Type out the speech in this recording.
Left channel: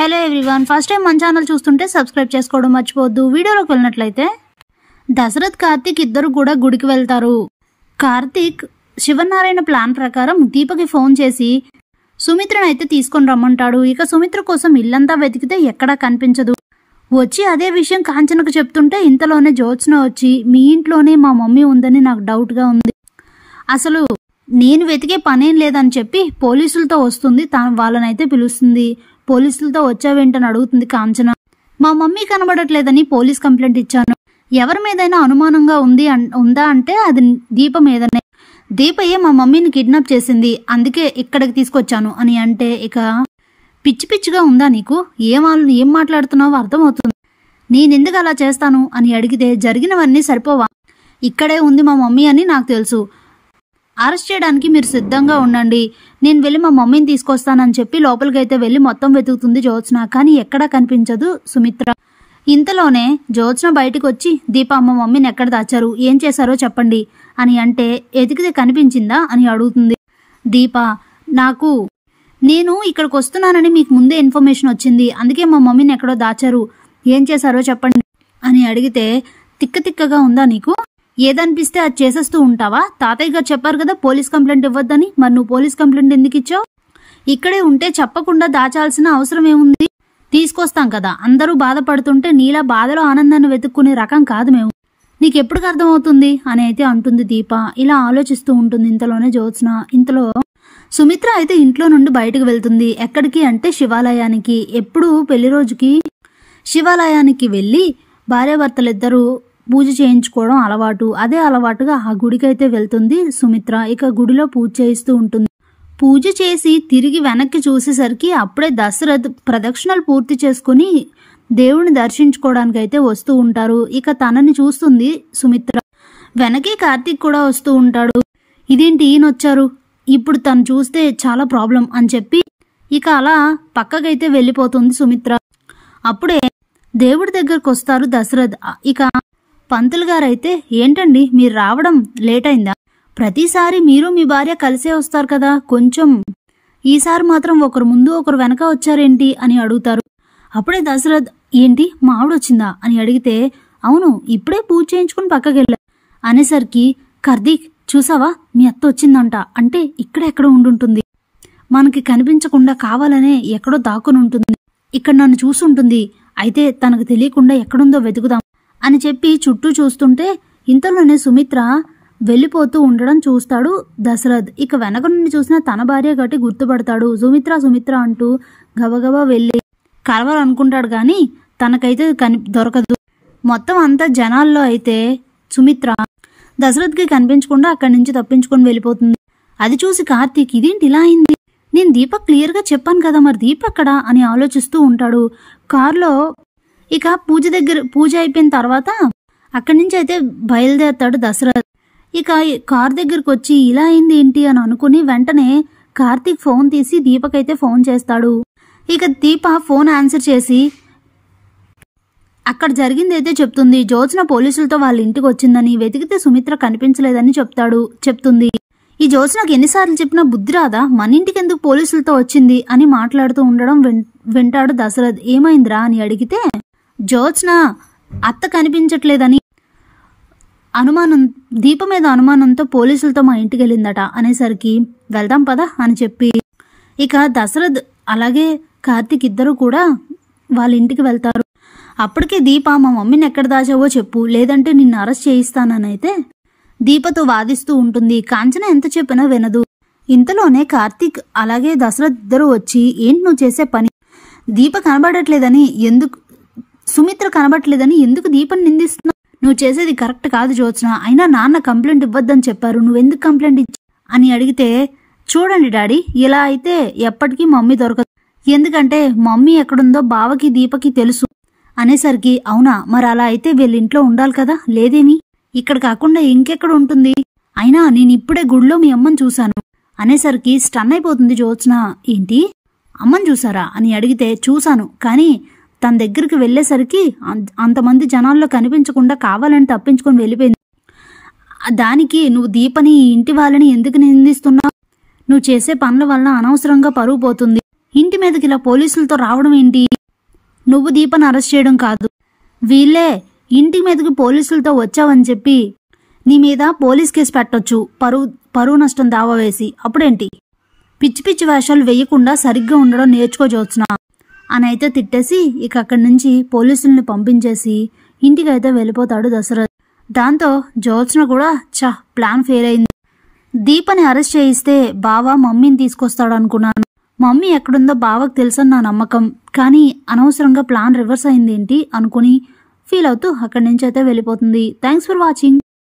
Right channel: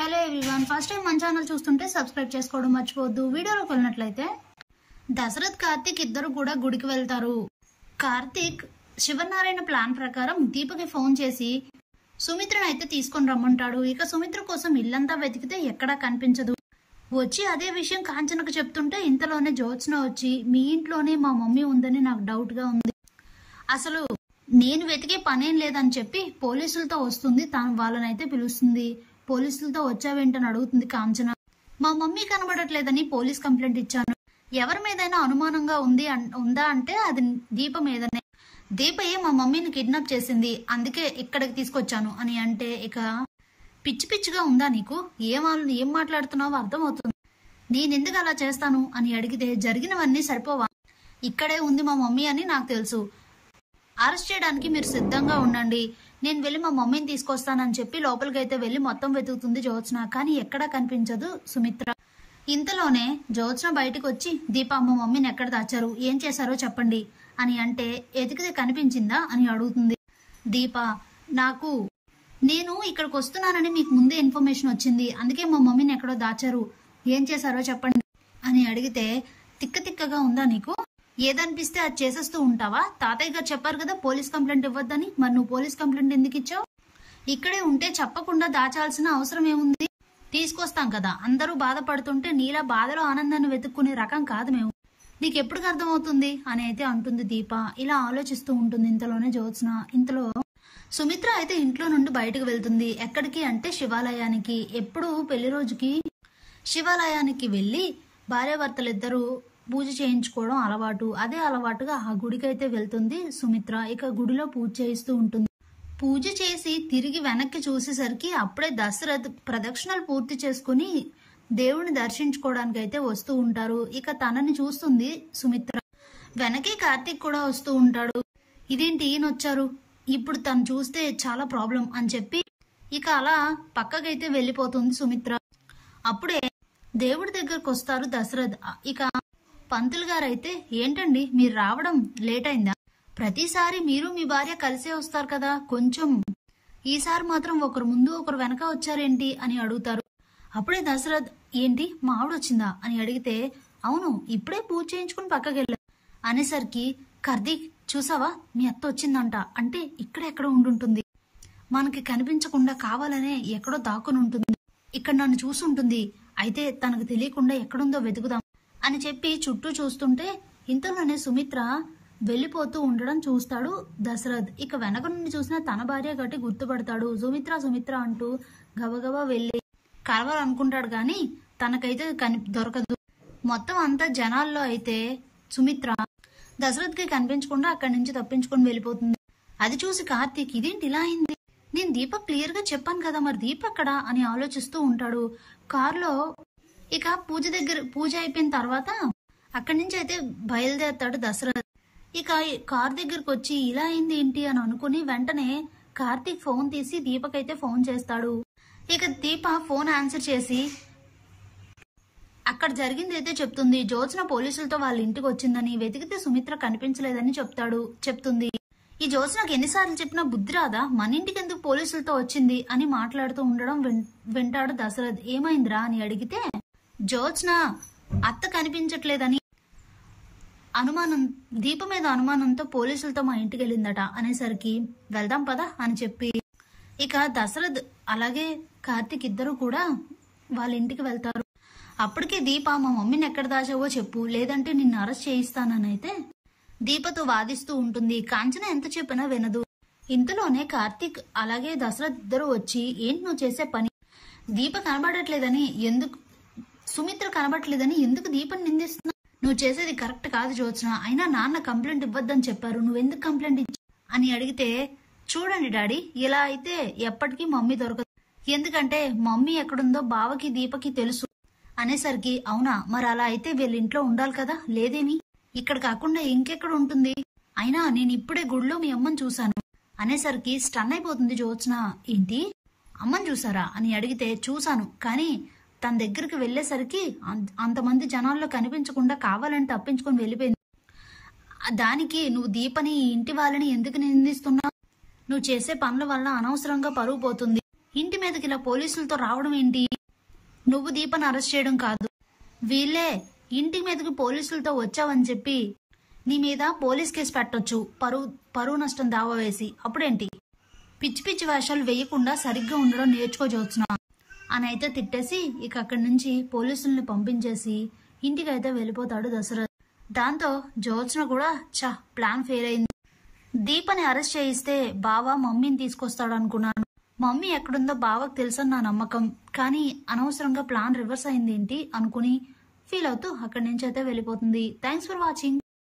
Hello everyone, first time మన channel చూస్తుంటే subscribe చేసుకోవడం మర్చిపోవద్దు. వీడియోలోకి వెళ్ళినట్లయితే దశరథ్ కార్తిక్ ఇద్దరు కూడా గుడికి వెళ్తారు. కార్తిక్ శివనారాయణ ప్లాన్ ప్రకారం దీపకి ఫోన్ చేసి సుమిత్రను అయితే తీసుకొని రమ్మంటాడు. ఇక సుమిత్ర కోసం ఇల్లంతా వెతికితే ఎక్కడా కనిపించదు. వచ్చి అదే విషయం కాంచనకు చెప్తుంటే ఇంతలోనే జ్యోత్స్న వచ్చి మీ ఇంట్లోనే మా మమ్మీ ఉందని నాకు డౌట్గా ఉంది, అసలు నేను వెతికే పనేం లేదని చెప్పి పోలీసులతో వస్తుంది. వాళ్ళనైతే పిలుస్తుంది. పోలీసులతో వచ్చావేంటని అడుగుతుంది కాంచన. మా మమ్మీ కనబడట్లేదని పోలీస్ కంప్లైంట్ ఇచ్చాను. ఎవరి మీదైనా అనుమానంగా ఉందా అంటే అది దీప మీదనే. దీపయే మా మమ్మీని కిడ్నాప్ చేసింది, అందుకే ఇక్కడికి తీసుకొచ్చాను అని అంటే ఇక పిచ్చి పిచ్చిగా ఉందా నీకు, ఏం మాట్లాడుతున్నావో అర్థమవుతుంది. నేనెందుకు అలా చేస్తాను అని అడిగితే జరిగినవన్నీ సరిపోవా, ఇక్కడే ఉంది మా మమ్మీ అని నాకు తెలుసు, అరెస్ట్ చేయడానికి మీరు సిద్ధంగా ఉండండి, నేను వెళ్ళి మా మమ్మీని తీసుకొస్తానని చెప్పి లోపలికైతే వెళ్ళి మొత్తం వెతుకుతుంది జ్యోత్స్న. కానీ ఎక్కడా కనిపించదు సుమిత్ర. ఇంతలోనే జ్యోత్స్న బయటకు వచ్చి దీప మా మమ్మీని ఎక్కడ దాచారు, ఏం చేశారో చెప్పండి అని అంటే ఎతికితే కనిపించిందా అని అడుగుతుంది. దీప నేను ఇక్కడికి వస్తున్నానని మీకు ముందే ఇన్ఫర్మేషన్ వచ్చింది, అందుకే మా మమ్మీని ఎక్కడో దాచారు, ఏం చేశారో చెప్పండి అని అడిగితే తిక్కగా ఉందా నీకు, ఏదనిపిస్తే అది చేసేస్తూ ఉంటావా, తాతయ్య గారు చెప్పారు కదా పోలీస్ కంప్లైంట్ ఇవ్వద్దని, మరి నువ్వు పోలీస్ కంప్లైంట్ ఎందుకు ఇచ్చావు, ఇక్కడే ఉంటే చెప్పకుండా దాచాల్సిన అవసరం ఏముంది, తీసుకొస్తాం కదా, అందరూ బాధపడుతుంటే నీలా బాధలో ఆనందాన్ని వెతుక్కునే రకం కాదు మేము, నీకెప్పుడు అర్థమవుతుంది అని అయితే అంటుంది దీప. ఇలా ఆలోచిస్తూ ఉంటుంది ఇంతలోనే జ్యోత్స్న. ఇంతలో సుమిత్ర అయితే ఇంట్లో నుండి బయటకు వెళ్తుంది. ఎక్కడికి అంటే శివాలయానికి. ఎప్పుడు పెళ్లి రోజుకి శివాలయానికి వెళ్ళి భార్యాభర్తలిద్దరూ పూజ చేయించుకోవడం అలవాటు. అదే అలవాటుగా ఆ గుడికైతే వెళ్తుంది సుమిత్ర. ఇక గుడిలో పూజ చేయిస్తూ ఉంటుంది. పూజ చేసి తిరిగి వెనక్కి చూసేసరికి అప్పుడే దశరథ్ ప్రదక్షిణలు పూర్తి చేసుకుని దేవుడిని దర్శించుకోవడానికి అయితే వస్తూ ఉంటారు. ఇక తనని చూస్తుంది సుమిత్ర. వెనకే కార్తీక్ కూడా వస్తూ ఉంటాడు. ఇదేంటి ఈయనొచ్చారు, ఇప్పుడు తను చూస్తే చాలా ప్రాబ్లం అని చెప్పి ఇక అలా పక్కకైతే వెళ్ళిపోతుంది సుమిత్ర. అప్పుడే దేవుడి దగ్గరకు వస్తారు దశరథ్. ఇక పంతులు గారైతే ఏంటండి మీరు రావడం లేట్ అయిందా, ప్రతిసారి మీరు మీ భార్య కలిసే వస్తారు కదా, కొంచెం ఈసారి మాత్రం ఒకరు ముందు ఒకరు వెనక వచ్చారేంటి అని అడుగుతారు. అప్పుడే దశరథ్ ఏంటి మా ఆవిడొచ్చిందా అని అడిగితే అవును ఇప్పుడే పూజ చేయించుకుని పక్కకెళ్ళా అనేసరికి కార్తీక్ చూసావా మీ అత్త వచ్చిందంట, అంటే ఎక్కడ ఉండుంటుంది, మనకి కనిపించకుండా కావాలనే ఎక్కడో దాక్కుని ఉంటుంది, ఇక్కడ నన్ను చూసుంటుంది, అయితే తనకు తెలియకుండా ఎక్కడుందో వెతుకుదాం అని చెప్పి చుట్టూ చూస్తుంటే ఇంతలోనే సుమిత్ర వెళ్ళిపోతూ ఉండడం చూస్తాడు దశరథ్. ఇక వెనక నుండి చూసిన తన భార్య గట్టి గుర్తుపడతాడు. సుమిత్ర అంటూ గబగబా వెళ్ళి కలవాలనుకుంటాడు కానీ తనకైతే దొరకదు. మొత్తం అంతా జనాల్లో అయితే సుమిత్ర దశరథ్కి కనిపించకుండా అక్కడి నుంచి తప్పించుకొని వెళ్ళిపోతుంది. అది చూసి కార్తీక్ ఇదేంటి ఇలా అయింది, నేను దీపక్ క్లియర్గా చెప్పాను కదా, మరి దీపక్ అక్కడ అని ఆలోచిస్తూ ఉంటాడు. కారులో ఇక పూజ అయిపోయిన తర్వాత అక్కడి నుంచి అయితే బయలుదేరతాడు దశరథ్. ఇక కార్ దగ్గరకు వచ్చి ఇలా అయింది ఏంటి అని అనుకుని వెంటనే కార్తీక్ ఫోన్ తీసి దీపకైతే ఫోన్ చేస్తాడు. ఇక దీప ఫోన్ ఆన్సర్ చేసి అక్కడ జరిగిందైతే చెప్తుంది. జ్యోత్స్న పోలీసులతో వాళ్ళ ఇంటికి వచ్చిందని, వెతికితే సుమిత్ర కనిపించలేదని చెప్తుంది. ఈ జ్యోత్స్నకు ఎన్నిసార్లు చెప్పినా బుద్ధి రాదా, మన ఇంటికి ఎందుకు పోలీసులతో వచ్చింది అని మాట్లాడుతూ ఉండడం వింటాడు దశరథ్. ఏమైందిరా అని అడిగితే జ్యోత్స్న అత్త కనిపించట్లేదని దీప మీద అనుమానంతో పోలీసులతో మా ఇంటికి వెళ్ళిందట అనేసరికి వెళ్దాం పదా అని చెప్పి ఇక దశరథ్ అలాగే కార్తీక్ ఇద్దరు కూడా వాళ్ళ ఇంటికి వెళ్తారు. అప్పటికే దీప మా మమ్మీని ఎక్కడ దాచావో చెప్పు, లేదంటే నిన్ను అరెస్ట్ చేయిస్తాననైతే దీపతో వాదిస్తూ ఉంటుంది. కాంచన ఎంత చెప్పినా వినదు. ఇంతలోనే కార్తీక్ అలాగే దశరథ్ ఇద్దరు వచ్చి ఏంటి నువ్వు చేసే పని, దీప కనబడట్లేదని సుమిత్ర కనబడట్లేదని ఎందుకు దీపని నిందిస్తున్నావు, నువ్వు చేసేది కరెక్ట్ కాదు జ్యోత్స్న, అయినా నాన్న కంప్లైంట్ ఇవ్వద్దని చెప్పారు, నువ్వెందుకు కంప్లైంట్ ఇచ్చావు అని అడిగితే చూడండి డాడీ ఇలా అయితే ఎప్పటికీ మమ్మీ దొరకదు, ఎందుకంటే మమ్మీ ఎక్కడుందో బావకి దీపకి తెలుసు అనేసరికి అవునా మరి అలా అయితే వీళ్ళింట్లో ఉండాలి కదా, లేదేమి ఇక్కడ కాకుండా ఇంకెక్కడ ఉంటుంది, అయినా నేను ఇప్పుడే గుడిలో మీ అమ్మని చూశాను అనేసరికి స్టన్ అయిపోతుంది జ్యోత్స్న. ఏంటి అమ్మని చూసారా అని అడిగితే చూశాను, కానీ తన దగ్గరికి వెళ్ళేసరికి అంతమంది జనాల్లో కనిపించకుండా కావాలని తప్పించుకొని వెళ్ళిపోయింది, దానికి నువ్వు దీపని ఇంటి వాళ్ళని ఎందుకు నిందిస్తున్నావు, నువ్వు చేసే పనుల వల్ల అనవసరంగా పరువు పోతుంది, ఇంటి మీదకి ఇలా పోలీసులతో రావడం ఏంటి? నువ్వు దీపని అరెస్ట్ చేయడం కాదు, వీళ్ళే ఇంటి మీదకి పోలీసులతో వచ్చావని చెప్పి నీ మీద పోలీస్ కేసు పెట్టొచ్చు, పరువు నష్టం దావా వేసి. అప్పుడేంటి? పిచ్చి పిచ్చి వేషాలు వేయకుండా సరిగ్గా ఉండడం నేర్చుకో జ్యోత్స్న అని అయితే తిట్టేసి ఇక అక్కడి నుంచి పోలీసుల్ని పంపించేసి ఇంటికైతే వెళ్ళిపోతాడు దశరథ్. దాంతో జ్యోత్స్న కూడా ప్లాన్ ఫెయిల్ అయింది. దీపని అరెస్ట్ చేయిస్తే బావ మమ్మీని తీసుకొస్తాడు అనుకున్నాను. మమ్మీ ఎక్కడుందో బావకు తెలుసని నా నమ్మకం. కానీ అనవసరంగా ప్లాన్ రివర్స్ అయింది ఏంటి అనుకుని ఫీల్ అవుతూ అక్కడి నుంచి అయితే వెళ్ళిపోతుంది. Thanks for watching.